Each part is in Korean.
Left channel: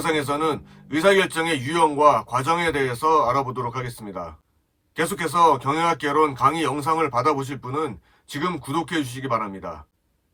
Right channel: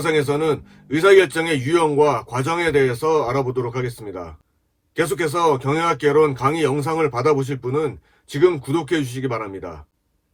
영상에서는 의사결정의 유형과 과정에 대해서 알아보도록 하겠습니다. 계속해서 경영학개론 강의 영상을 받아보실 분은 지금 구독해 주시기 바랍니다.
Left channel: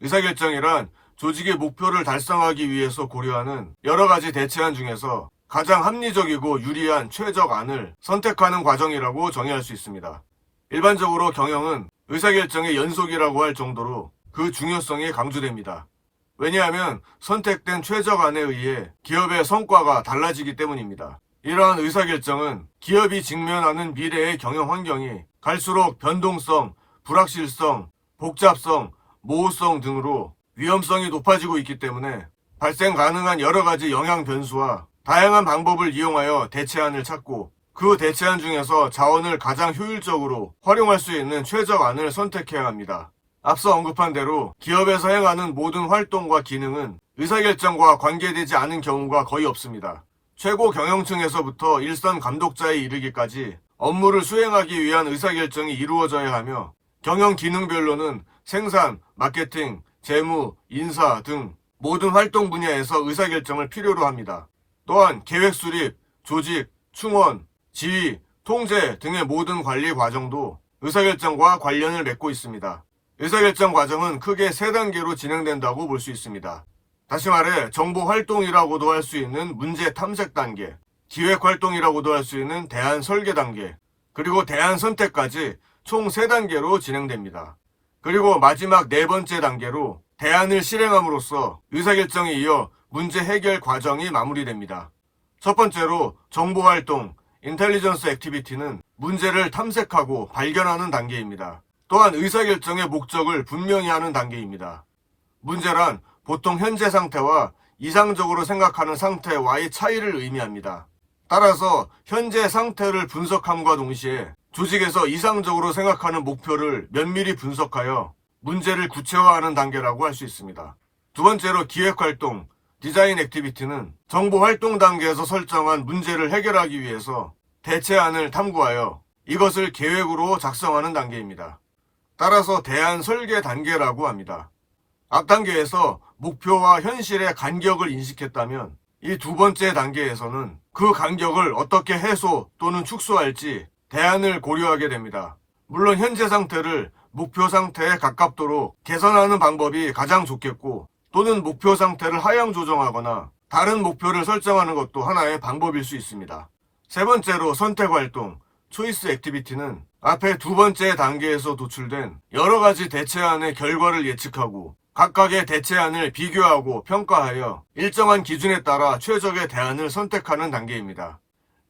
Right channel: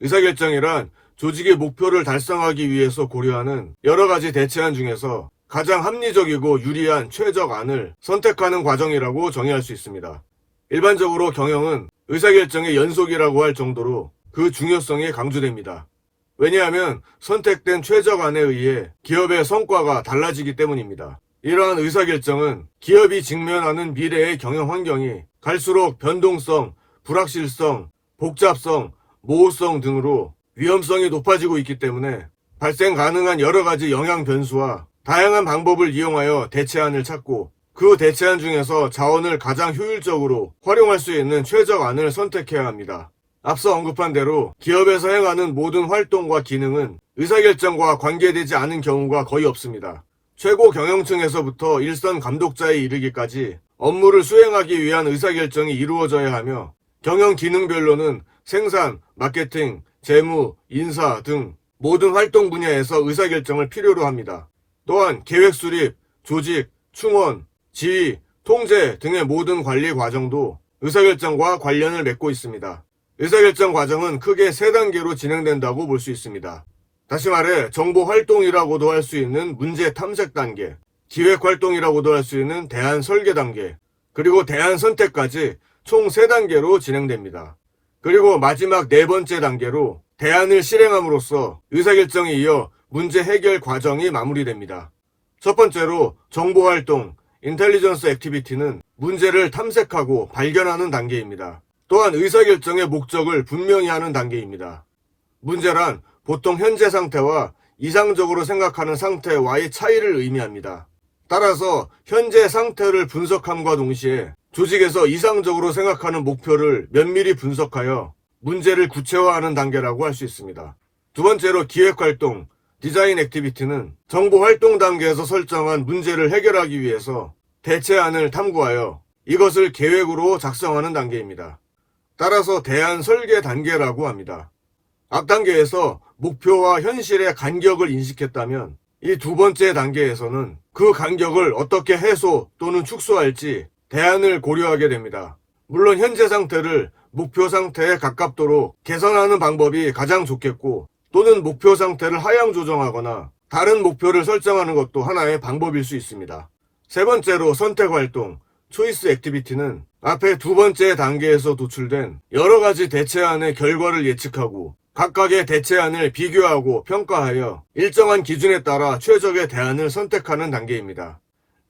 의사결정이란 조직의 목표를 달성하기 위해서 고려하는 여러 가지 대체안 중에서 가장 합리적이고 유리한 최적안을 선택하는 과정이라고 정의할 수 있습니다. 일반적으로 경영은 의사결정의 연속이라고 할 정도로 그 중요성이 강조됩니다. 왜냐하면 선택된 최적안에 의해 기업의 성과가 달라지기 때문입니다. 이러한 의사결정은 기업이 직면하는 미래의 경영 환경이 갈수록 변동성, 불확실성, 복잡성, 모호성 등으로 위험성이 높아지고 있기 때문에 발생 가능한 여러 가지 영향 변수와 다양한 방법을 이용하여 대체안을 찾고 그 대체안 중에서 자원을 가장 효율적으로 활용할 수 있는 최적안을 선택해야 합니다. 앞서 언급한 대로 기업에서 행하는 모든 활동과 기능은 의사결정과 관계되지 않은 경우가 거의 없습니다. 최고 경영층에서부터 일선 감독자에 이르기까지 업무를 수행하기 위한 의사결정이 이루어져야 하며 경영 기능별로는 생산, 마케팅, 재무, 인사 등 모든 활동 분야에서 의사결정을 필요로 합니다. 또한 계획 수립, 조직, 충원, 지휘, 통제 등의 모든 관리 과정도 의사결정과 관련을 맺고 있습니다. 의사결정 과정은 크게 3단계로 진행된다고 볼 수 있습니다. 다시 말해 정보활동이라고도 할 수 있는 문제 탐색 단계, 기획활동이라고도 할 수 있는 대안 설계 단계, 그리고 대안 선택까지 총 3단계로 진행됩니다. 그리고 마지막 4번째 단계로 대안을 실행함으로써 의사결정에 이어 문제 해결 과정이 마무리됩니다. 첫 번째로 정보활동, 인텔리전스 액티비티는 문제를 탐색하고 발견하는 단계입니다. 또한 의사결정의 목적을 분명히 하는 단계입니다. 문제란 보통 현재 상태와 이상적으로 생각하는 상태와의 차이를 의미합니다. 따라서 현재 상태를 분석함과 동시에 조직에서 이상적으로 생각하는 목표를 면밀히 분석하여 문제를 구체화하는 단계라고 할 수 있습니다. 두 번째로 기획활동, 디자인 액티비티는 정보활동 단계에서 설정한 문제를 해결하기 위해서 대체안을 탐구하여 이것을 계획으로 작성하는 단계입니다. 따라서 대안 설계 단계라고 합니다. 앞 단계에서 목표와 현실의 간격을 인식했다면 이 두 번째 단계에서는 그 간격을 어떻게 해소 또는 축소할지 대안을 고려하게 됩니다. 물론 현재 상태를 목표 상태에 가깝도록 개선하는 방법이 가장 좋겠고 또는 목표 상태를 하향 조정하거나 다른 목표를 설정하는 것도 하나의 방법일 수 있습니다. 세 번째로 선택활동, 초이스 액티비티는 앞에 두 번째 단계에서 도출된 여러 가지 대체안의 결과를 예측하고 각각의 대체안을 비교하고 평가하여 일정한 기준에 따라 최적의 대안을 선택하는 단계입니다.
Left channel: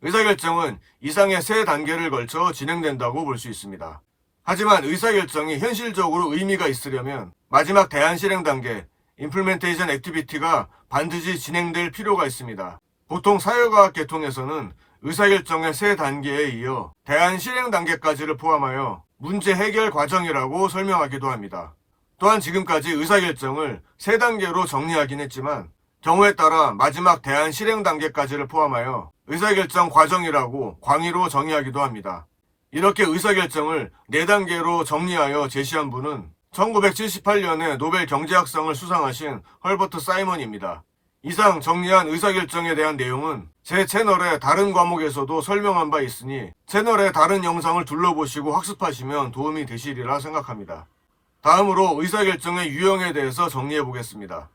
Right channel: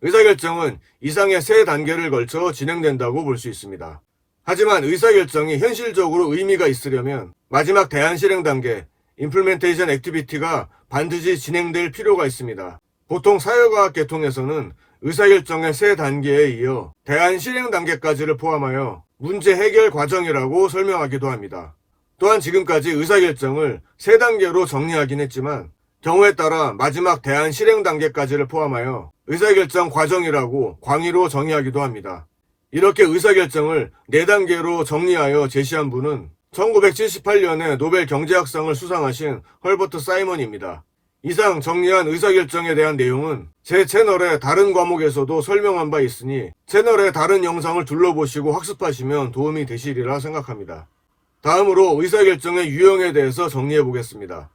의사결정은 이상의 3단계를 걸쳐 진행된다고 볼 수 있습니다. 하지만 의사결정이 현실적으로 의미가 있으려면 마지막 대안 실행 단계, 임플멘테이션 액티비티가 반드시 진행될 필요가 있습니다. 보통 사회과학 계통에서는 의사결정의 3단계에 이어 대안 실행 단계까지를 포함하여 문제 해결 과정이라고 설명하기도 합니다. 또한 지금까지 의사결정을 3단계로 정리하긴 했지만 경우에 따라 마지막 대안 실행 단계까지를 포함하여 의사결정 과정이라고 광의로 정의하기도 합니다. 이렇게 의사결정을 4단계로 정리하여 제시한 분은 1978년에 노벨 경제학상을 수상하신 헐버트 사이먼입니다. 이상 정리한 의사결정에 대한 내용은 제 채널의 다른 과목에서도 설명한 바 있으니 채널의 다른 영상을 둘러보시고 학습하시면 도움이 되시리라 생각합니다. 다음으로 의사결정의 유형에 대해서 정리해 보겠습니다.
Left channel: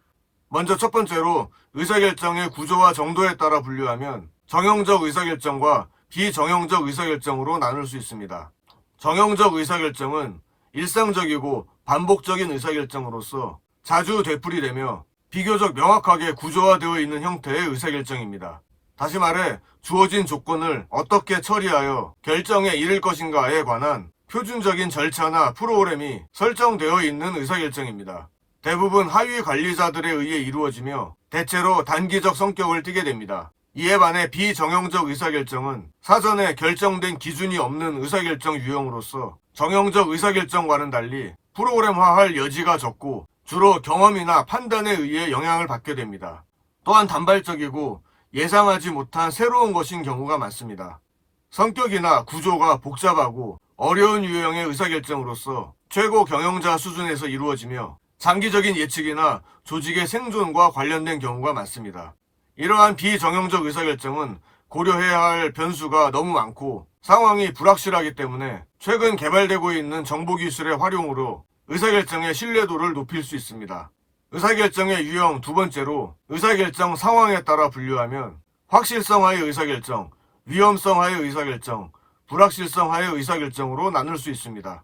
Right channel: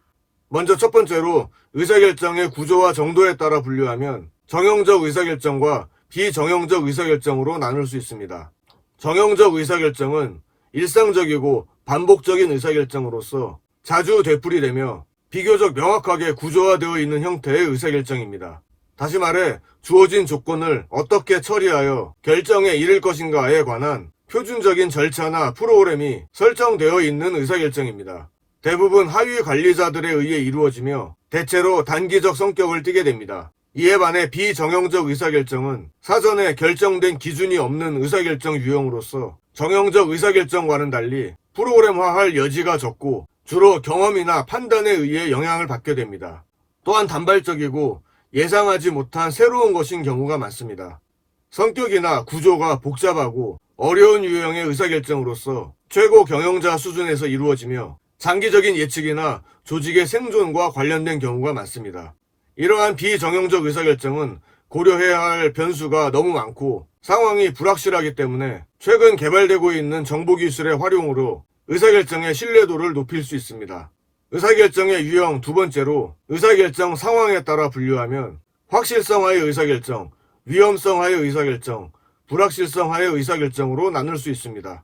먼저 첫 번째로 의사결정의 구조와 정도에 따라 분류하면 정형적 의사결정과 비정형적 의사결정으로 나눌 수 있습니다. 정형적 의사결정은 일상적이고 반복적인 의사결정으로서 자주 되풀이되며 비교적 명확하게 구조화되어 있는 형태의 의사결정입니다. 다시 말해 주어진 조건을 어떻게 처리하여 결정에 이를 것인가에 관한 표준적인 절차나 프로그램이 설정되어 있는 의사결정입니다. 대부분 하위 관리자들에 의해 이루어지며 대체로 단기적 성격을 띠게 됩니다. 이에 반해 비정형적 의사결정은 사전에 결정된 기준이 없는 의사결정 유형으로서 정형적 의사결정과는 달리 프로그램화할 여지가 적고 주로 경험이나 판단에 의해 영향을 받게 됩니다. 또한 단발적이고 예상하지 못한 새로운 것인 경우가 많습니다. 성격이나 구조가 복잡하고 어려운 유형의 의사결정으로서 최고 경영자 수준에서 이루어지며 장기적인 예측이나 조직의 생존과 관련된 경우가 많습니다. 이러한 비정형적 의사결정은 고려해야 할 변수가 너무 많고 상황이 불확실하기 때문에 최근 개발되고 있는 정보기술의 활용으로 의사결정의 신뢰도를 높일 수 있습니다. 의사결정의 유형 두 번째로 의사결정 상황에 따라 분류하면 확실성하의 의사결정, 위험성하의 의사결정, 불확실성하의 의사결정으로 나눌 수 있습니다.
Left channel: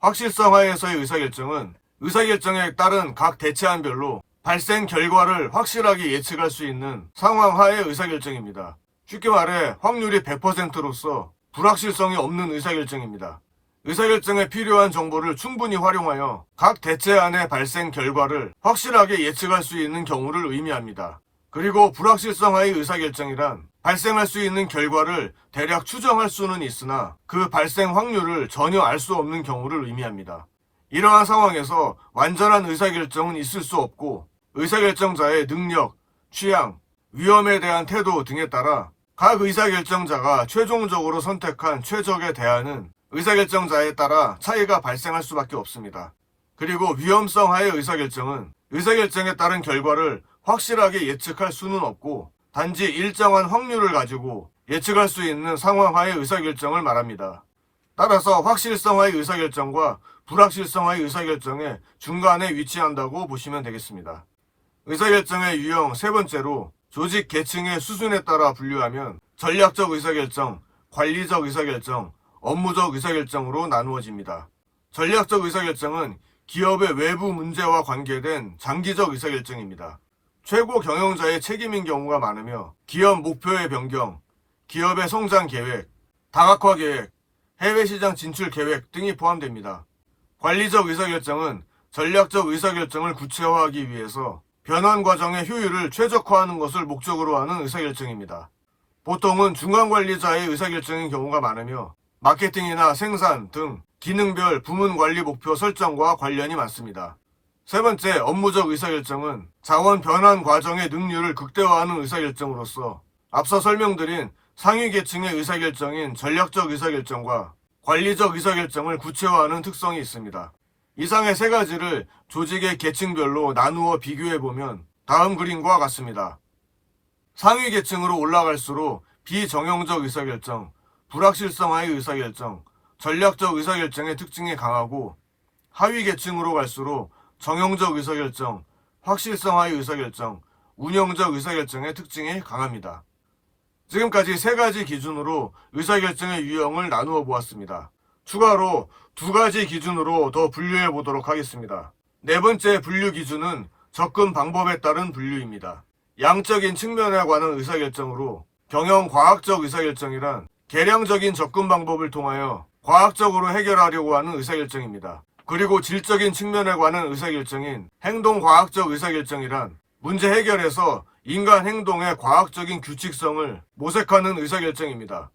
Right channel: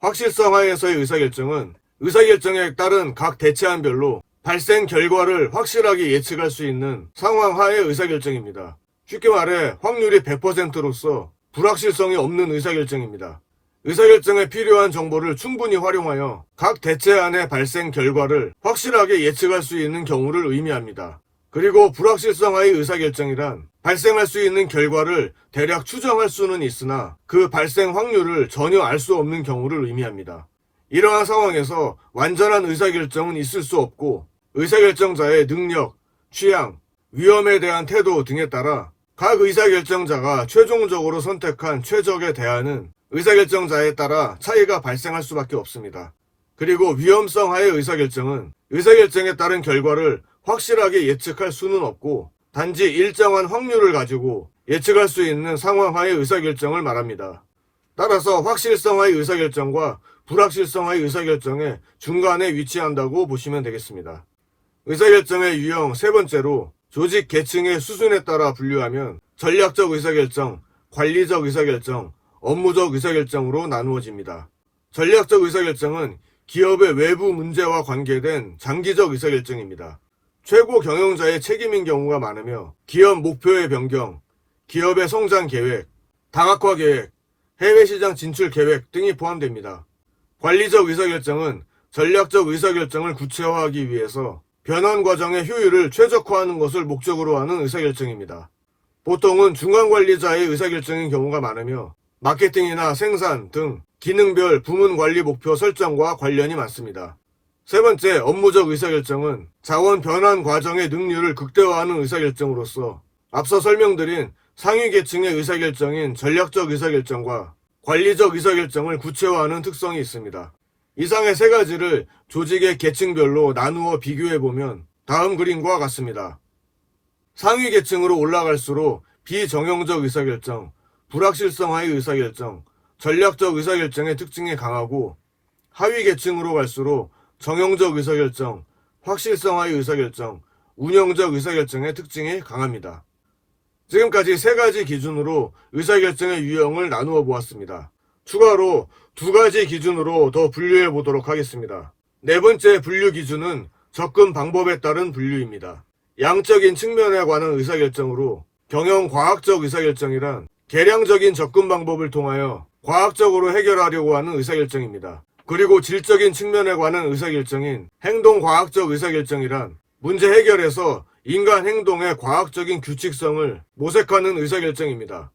확실성하에서의 의사결정은 의사결정에 따른 각 대체안별로 발생 결과를 확실하게 예측할 수 있는 상황하의 의사결정입니다. 쉽게 말해 확률이 100%로서 불확실성이 없는 의사결정입니다. 의사결정에 필요한 정보를 충분히 활용하여 각 대체안의 발생 결과를 확실하게 예측할 수 있는 경우를 의미합니다. 그리고 불확실성하의 의사결정이란 발생할 수 있는 결과를 대략 추정할 수는 있으나 그 발생 확률을 전혀 알 수 없는 경우를 의미합니다. 이러한 상황에서 완전한 의사결정은 있을 수 없고 의사결정자의 능력, 취향, 위험에 대한 태도 등에 따라 각 의사결정자가 최종적으로 선택한 최적의 대안은 의사결정자에 따라 차이가 발생할 수밖에 없습니다. 그리고 위험성하의 의사결정은 의사결정에 따른 결과를 확실하게 예측할 수는 없고 단지 일정한 확률을 가지고 예측할 수 있는 상황하의 의사결정을 말합니다. 따라서 확실성하의 의사결정과 불확실성하의 의사결정의 중간에 위치한다고 보시면 되겠습니다. 의사결정의 유형 세 번째로 조직 계층의 수준에 따라 분류하면 전략적 의사결정, 관리적 의사결정, 업무적 의사결정으로 나누어집니다. 전략적 의사결정은 기업의 외부 문제와 관계된 장기적 의사결정입니다. 최고 경영자의 책임인 경우가 많으며 기업 목표의 변경, 기업의 성장 계획, 다각화 계획, 해외 시장 진출 계획 등이 포함됩니다. 관리적 의사결정은 전략적 의사결정을 구체화하기 위해서 변환 과정의 효율을 최적화하는 것을 목적으로 하는 의사결정입니다. 보통은 중간관리자의 의사결정인 경우가 많으며 마케팅이나 생산 등 기능별 부문 관리 목표 설정과 관련이 많습니다. 세 번째, 업무적 의사결정은 자원 변환 과정의 능률을 극대화하는 의사결정으로서 앞서 설명드린 상위 계층의 의사결정인 전략적 의사결정과 관리적 의사결정을 구체화하는 특성이 있습니다. 이상의 세 가지를 조직의 계층별로 나누어 비교해보면 다음 그림과 같습니다. 상위 계층으로 올라갈수록 비정형적 의사결정, 불확실성하의 의사결정, 전략적 의사결정의 특징이 강하고 하위 계층으로 갈수록 정형적 의사결정, 확실성하의 의사결정, 운영적 의사결정의 특징이 강합니다. 지금까지 세 가지 기준으로 의사결정의 유형을 나누어 보았습니다. 추가로 두 가지 기준으로 더 분류해 보도록 하겠습니다. 네 번째 분류 기준은 접근 방법에 따른 분류입니다. 양적인 측면에 관한 의사결정으로 경영과학적 의사결정이란 계량적인 접근 방법을 통하여 과학적으로 해결하려고 하는 의사결정입니다. 그리고 질적인 측면에 관한 의사결정인 행동과학적 의사결정이란 문제 해결에서 인간 행동의 과학적인 규칙성을 모색하는 의사결정입니다.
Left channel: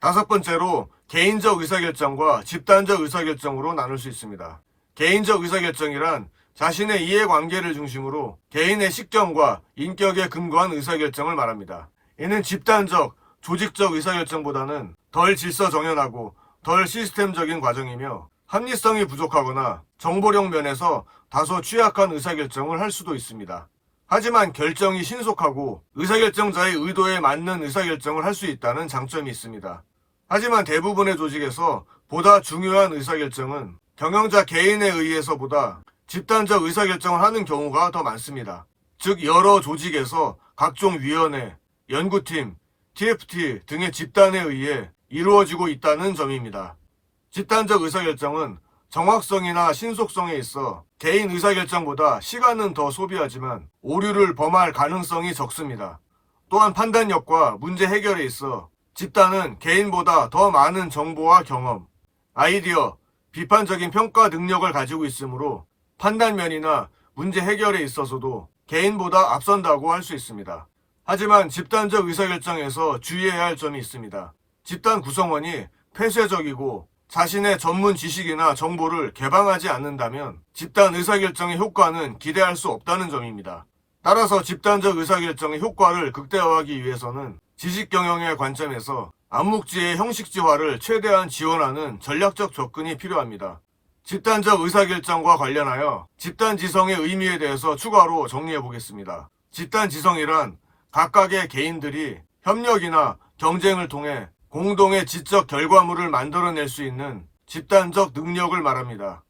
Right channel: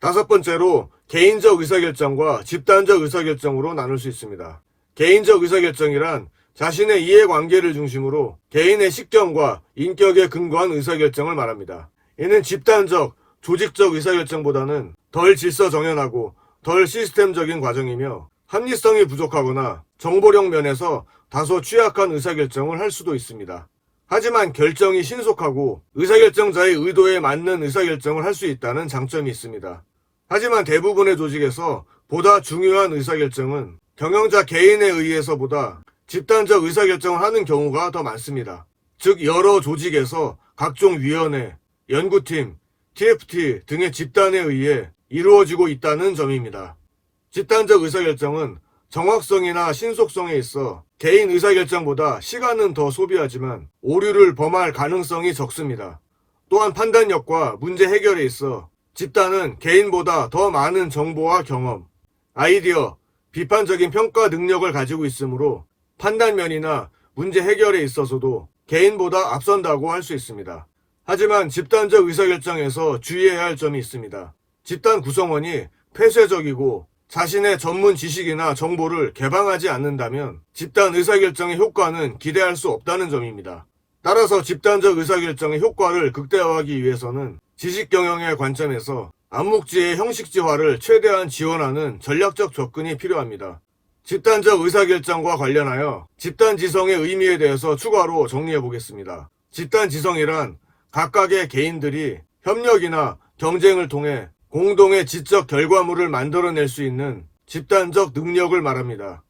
다섯 번째로 개인적 의사결정과 집단적 의사결정으로 나눌 수 있습니다. 개인적 의사결정이란 자신의 이해관계를 중심으로 개인의 식견과 인격에 근거한 의사결정을 말합니다. 이는 집단적, 조직적 의사결정보다는 덜 질서정연하고 덜 시스템적인 과정이며 합리성이 부족하거나 정보력 면에서 다소 취약한 의사결정을 할 수도 있습니다. 하지만 결정이 신속하고 의사결정자의 의도에 맞는 의사결정을 할 수 있다는 장점이 있습니다. 하지만 대부분의 조직에서 보다 중요한 의사결정은 경영자 개인에 의해서보다 집단적 의사결정을 하는 경우가 더 많습니다. 즉 여러 조직에서 각종 위원회, 연구팀, TFT 등의 집단에 의해 이루어지고 있다는 점입니다. 집단적 의사결정은 정확성이나 신속성에 있어 개인 의사결정보다 시간은 더 소비하지만 오류를 범할 가능성이 적습니다. 또한 판단력과 문제 해결에 있어 집단은 개인보다 더 많은 정보와 경험, 아이디어, 비판적인 평가 능력을 가지고 있으므로 판단면이나 문제 해결에 있어서도 개인보다 앞선다고 할 수 있습니다. 하지만 집단적 의사결정에서 주의해야 할 점이 있습니다. 집단 구성원이 폐쇄적이고 자신의 전문 지식이나 정보를 개방하지 않는다면 집단 의사결정의 효과는 기대할 수 없다는 점입니다. 따라서 집단적 의사결정의 효과를 극대화하기 위해서는 지식경영의 관점에서 암묵지의 형식지화를 최대한 지원하는 전략적 접근이 필요합니다. 집단적 의사결정과 관련하여 집단지성의 의미에 대해서 추가로 정리해 보겠습니다. 집단지성이란 각각의 개인들이 협력이나 경쟁을 통해 공동의 지적 결과물을 만들어낼 수 있는 집단적 능력을 말합니다.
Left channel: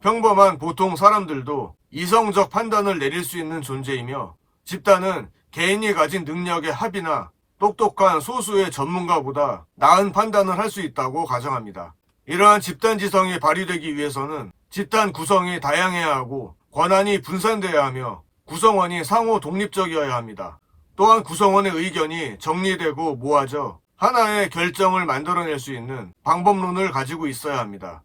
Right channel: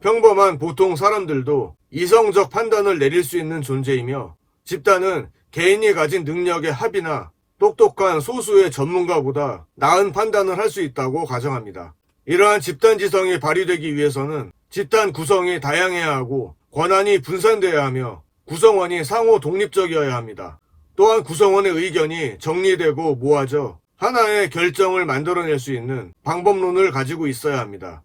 평범한 보통 사람들도 이성적 판단을 내릴 수 있는 존재이며, 집단은 개인이 가진 능력의 합이나 똑똑한 소수의 전문가보다 나은 판단을 할 수 있다고 가정합니다. 이러한 집단 지성이 발휘되기 위해서는 집단 구성이 다양해야 하고 권한이 분산되어야 하며 구성원이 상호 독립적이어야 합니다. 또한 구성원의 의견이 정리되고 모아져 하나의 결정을 만들어낼 수 있는 방법론을 가지고 있어야 합니다.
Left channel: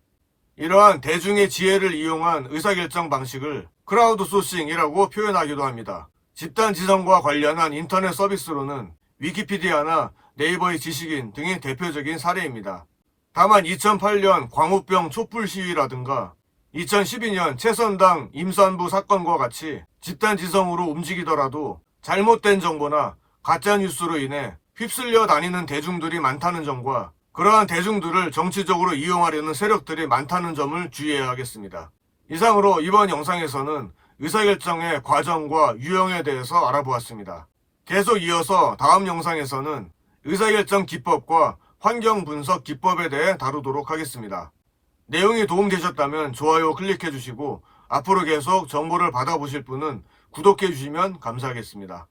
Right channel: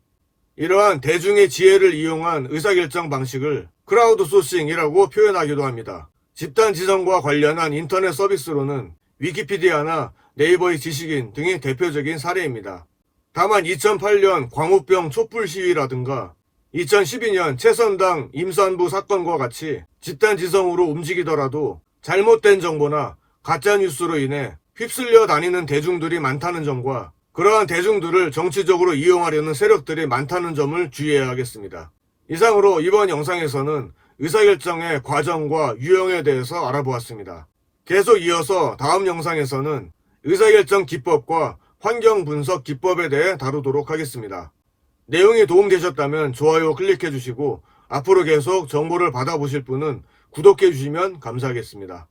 이러한 대중의 지혜를 이용한 의사결정 방식을 크라우드 소싱이라고 표현하기도 합니다. 집단 지성과 관련한 인터넷 서비스로는 위키피디아나 네이버의 지식인 등이 대표적인 사례입니다. 다만 2008년 광우병 촛불 시위라든가 2012년 최선당 임산부 사건과 같이 집단 지성으로 움직이더라도 잘못된 정보나 가짜뉴스로 인해 휩쓸려 다니는 대중들이 많다는 점과 그러한 대중들을 정치적으로 이용하려는 세력들이 많다는 점을 주의해야 하겠습니다. 이상으로 이번 영상에서는 의사결정의 과정과 유형에 대해서 알아보았습니다. 계속 이어서 다음 영상에서는 의사결정 기법과 환경 분석 기법에 대해 다루도록 하겠습니다. 내용이 도움되셨다면 좋아요 클릭해 주시고 앞으로 계속 정보를 받아보실 분은 구독해 주시면 감사하겠습니다.